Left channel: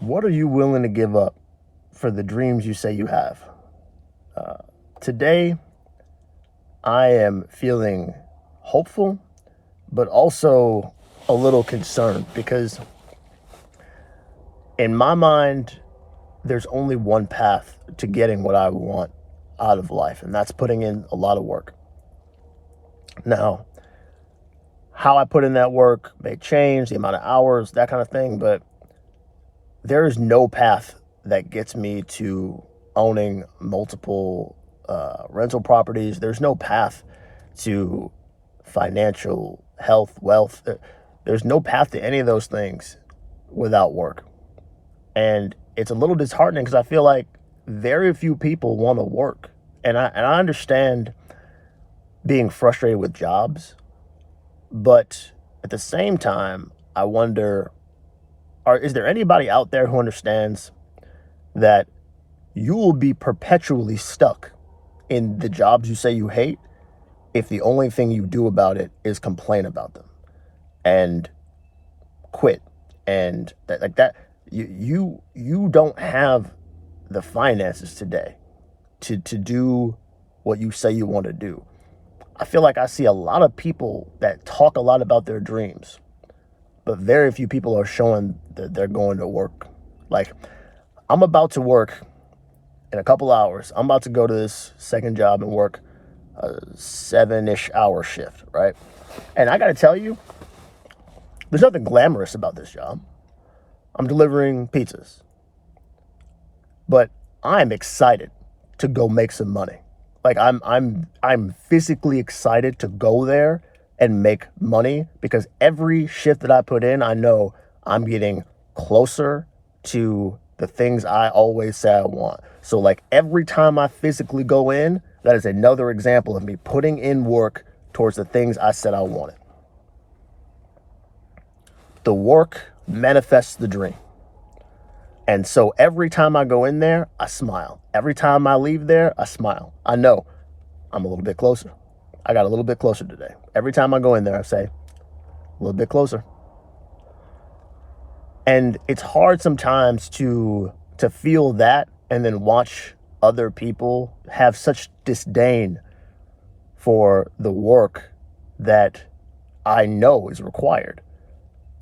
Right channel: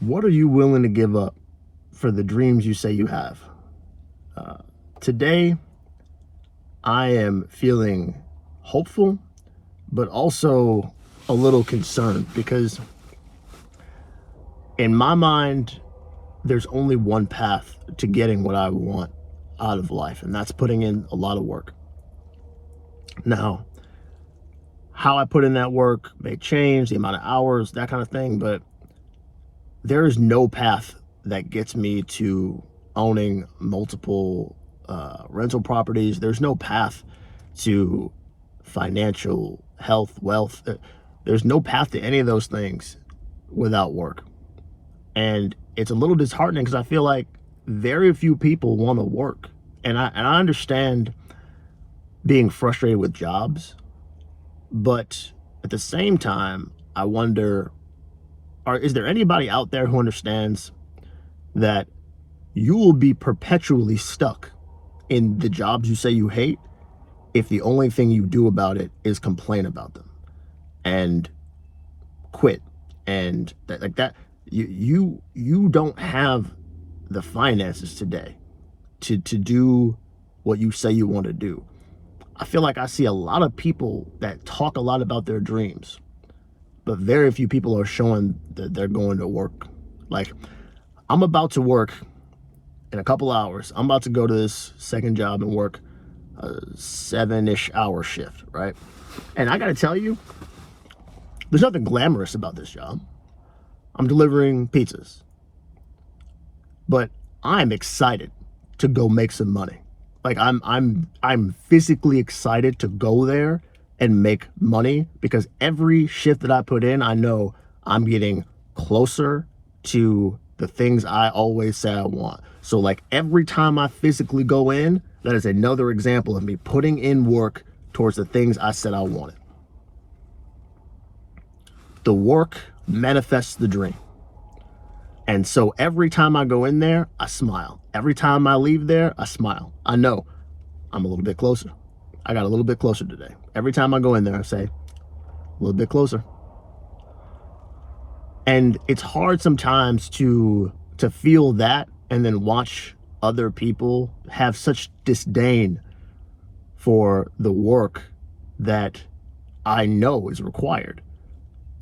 What are you willing to give up for the dreams you say you have? Today, I am feeling hopeful, but also a little concerned because in my mind, there's only one path to getting what I want out of life, and that's putting in a lot of work. Now, how I put in that work may change, the amount of hours, that kind of thing, but there is no path that gets me to owning multiple rental properties. There's no path to financial health, wealth. There's no path to any of those things without work. And it's a little disheartening because I feel like very few people want to work. And I understand being frustrated with jobs, but at the same time, I wonder, is there anybody out there who understands that you will be perpetually stuck in the jobs you say you hate if the only thing you do about it is complain about them and quit and like that? You don't have the finances today to do what you say you want to do. I feel like I see a lot of people that talk a lot about their dreams, but very few people are showing that they're going to work. Like, I'm about to work in a couple hours. I'm about to go to this second job and work a 7-ish hour shift, right? And I got to tell you, there's nothing glamorous about this job. I'm delivering pizzas, but I'm excited to go make some money. Like I'm physically excited to go there and make money because every shift that I put in, I know I'm getting closer to the things I always say I want. So like every time I physically go in, that is another example of me putting in work towards the things I said I wanted. The work manifests the dream. And so every time I go in there, I smile. Every time I leave there, I smile. I know I'm a little bit closer. I got a little bit closer today. Every time I go in there, I say, a little bit closer. And it's hard sometimes to feel that and then watch other people have such disdain for the work that I know is required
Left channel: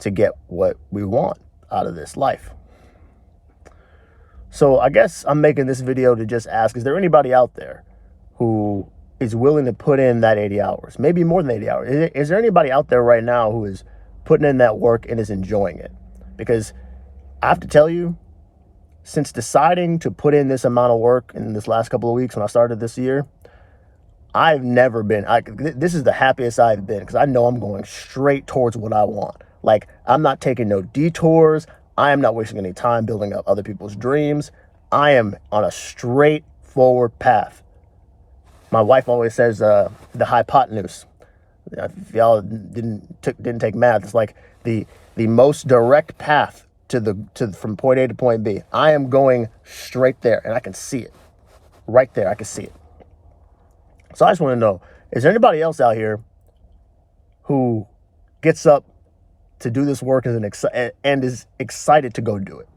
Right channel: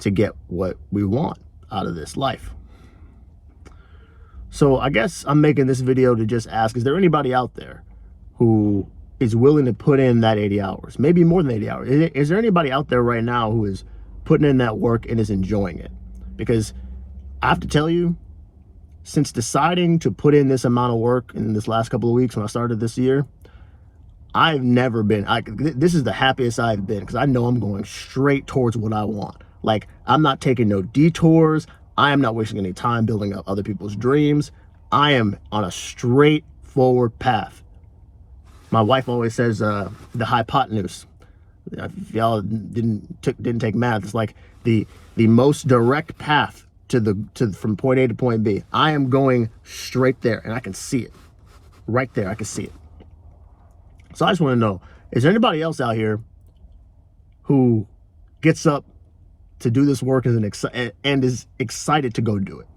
to get what we want out of this life. So I guess I'm making this video to just ask, is there anybody out there who is willing to put in that 80 hours, maybe more than 80 hours? Is there anybody out there right now who is putting in that work and is enjoying it? Because I have to tell you, since deciding to put in this amount of work in this last couple of weeks when I started this year, I've never been, this is the happiest I've been because I know I'm going straight towards what I want. Like, I'm not taking no detours. I am not wasting any time building up other people's dreams. I am on a straightforward path. My wife always says the hypotenuse. If y'all didn't take math, it's like the most direct path to from point A to point B. I am going straight there, and I can see it right there. I can see it. So I just want to know: is there anybody else out here who gets up to do this work and is excited to go do it?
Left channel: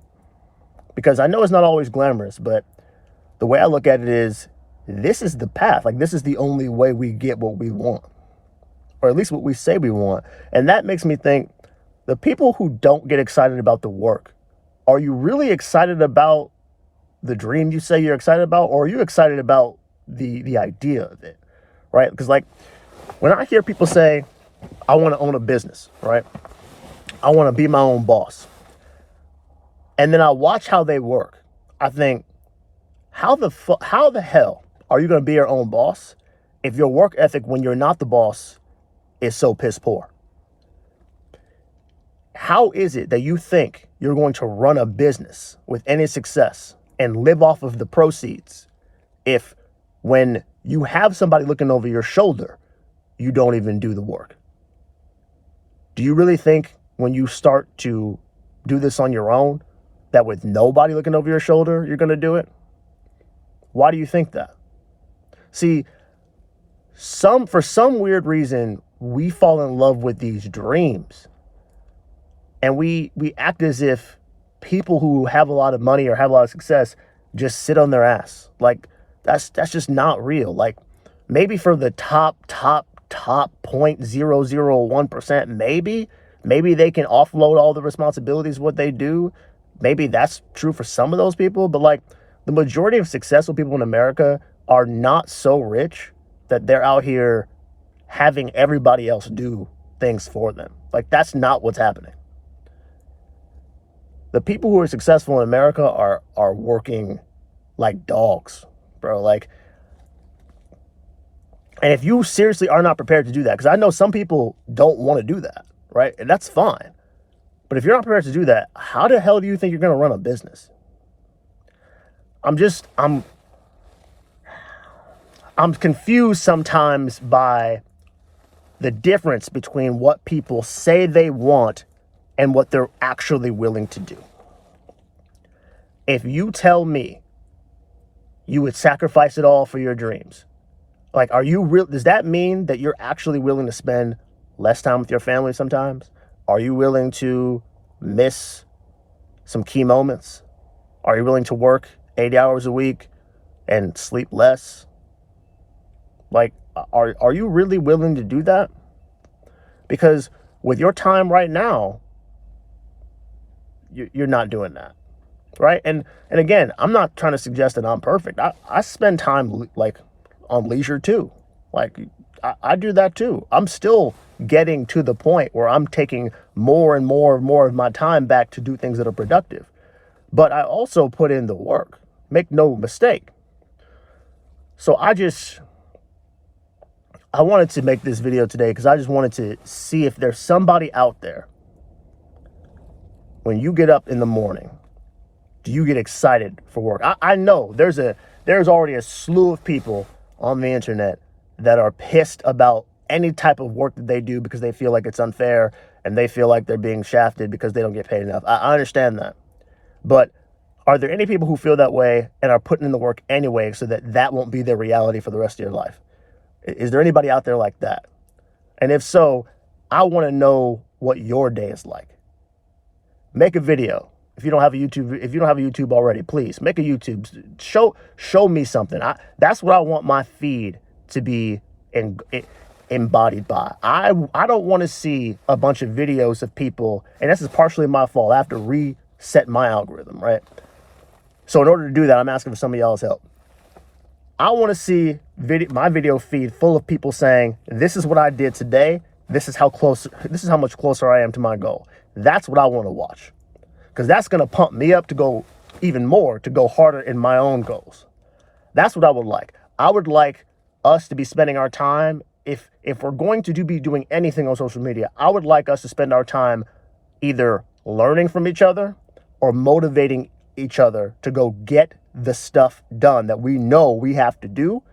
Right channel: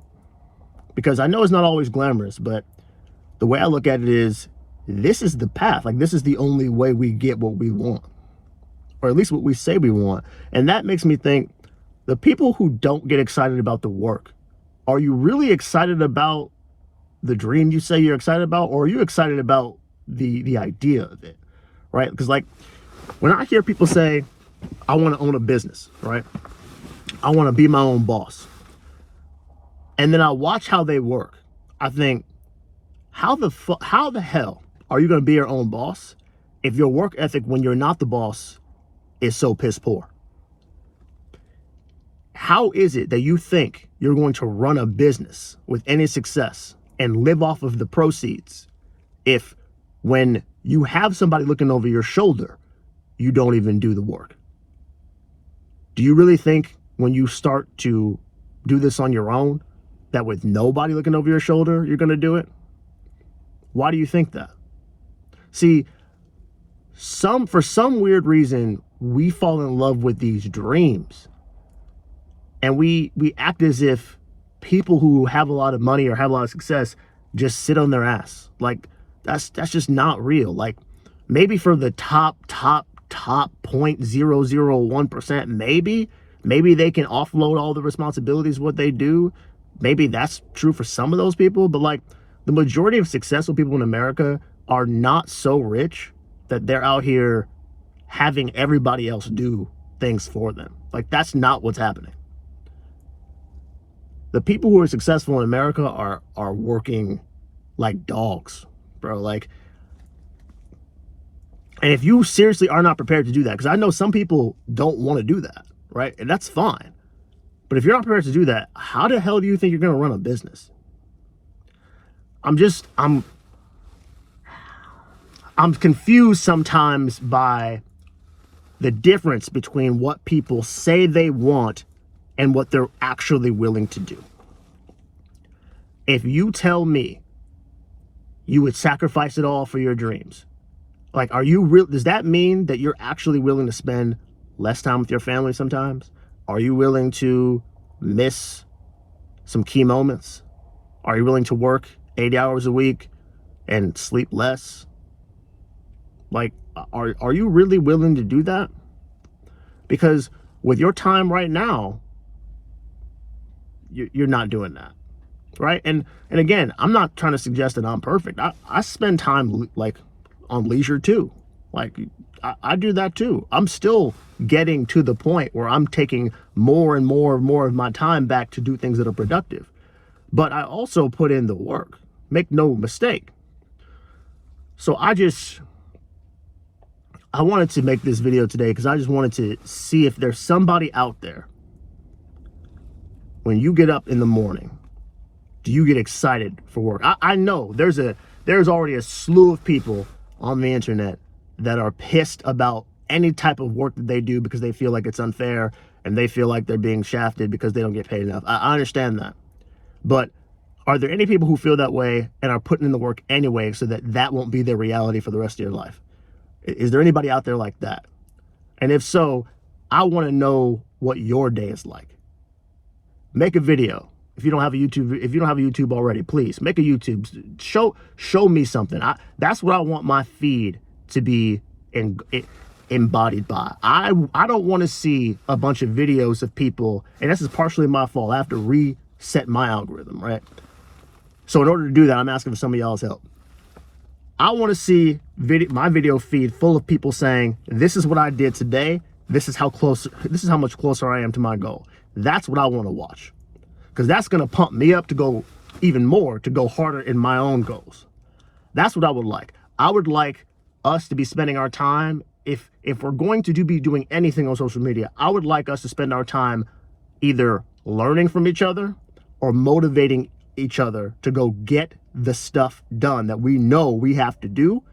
Because I know it's not always glamorous, but the way I look at it is, this is the path. Like, this is the only way we get what we want, or at least what we say we want. And that makes me think, the people who don't get excited about the work, are you really excited about the dream you say you're excited about, or are you excited about the idea of it, right? Because like, when I hear people say, I want to own a business, right? I want to be my own boss. And then I watch how they work. I think, how the hell are you going to be your own boss if your work ethic when you're not the boss is so piss poor? How is it that you think you're going to run a business with any success and live off of the proceeds if when you have somebody looking over your shoulder, you don't even do the work? Do you really think when you start to do this on your own, that with nobody looking over your shoulder, you're going to do it? Why do you think that? See, for some weird reason, we fall in love with these dreams. And we act as if people who have a lot of money or have a lot of success just sit on their ass. Like, that's just not real. Like, maybe for the top 0.001%, maybe they can offload all the responsibilities of what they do. Maybe that's true for some of those people, but like the majority of successful people in America are not so rich that they're out here having everybody else do things for them. Like, that's not what's happening. The people who are successful in America are working like dogs, bro. Like, and if you seriously are not prepared to do that, because I know some people don't want to do that, right? And that's fine. But if you're not prepared to do that, how the hell do you think you're going to run a business? I'm confused sometimes by the difference between what people say they want and what they're actually willing to do. If you tell me you would sacrifice it all for your dreams, like, are you real? Does that mean that you're actually willing to spend less time with your family sometimes? Are you willing to miss some key moments? Are you willing to work 80 hours a week and sleep less? Like, are you really willing to do that? Because with your time right now, you're not doing that, right? And again, I'm not trying to suggest that I'm perfect. I spend time like on leisure too. Like, I do that too. I'm still getting to the point where I'm taking more and more of my time back to do things that are productive. But I also put in the work. Make no mistake. So I wanted to make this video today because I just wanted to see if there's somebody out there. When you get up in the morning, do you get excited for work? I know there's already a slew of people on the internet that are pissed about any type of work that they do because they feel like it's unfair and they feel like they're being shafted because they don't get paid enough. I understand that. But are there any people who feel that way and are putting in the work anyway so that won't be their reality for the rest of your life? Is there anybody out there like that? And if so, I want to know what your day is like. Make a video. If you don't have a YouTube already, please make a YouTube. Show me something. That's what I want my feed to be embodied by. I don't want to see a bunch of videos of people, and this is partially my fault. I have to reset my algorithm, right? So in order to do that, I'm asking for some of y'all's help. I want to see my video feed full of people saying, this is what I did today. This is how much closer I am to my goal. That's what I want to watch. Because that's going to pump me up to go even more, to go harder in my own goals. That's what I would like. I would like us to be spending our time, if we're going to be doing anything on social media, I would like us to spend our time either learning from each other or motivating each other to go get the stuff done that we know we have to do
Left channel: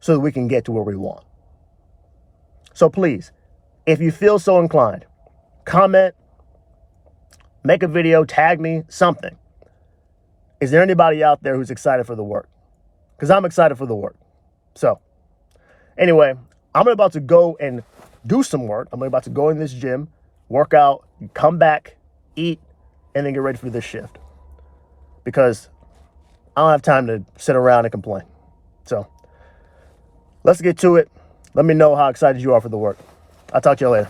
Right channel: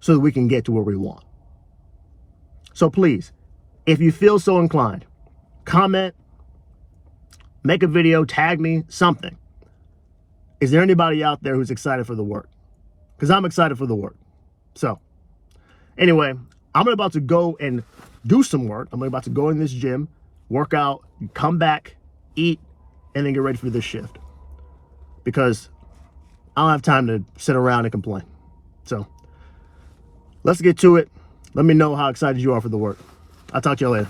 so that we can get to where we want. So please, if you feel so inclined, comment, make a video, tag me, something. Is there anybody out there who's excited for the work? Because I'm excited for the work. So anyway, I'm about to go and do some work. I'm about to go in this gym, work out, come back, eat, and then get ready for this shift. Because I don't have time to sit around and complain. So let's get to it. Let me know how excited you are for the work. I'll talk to you later.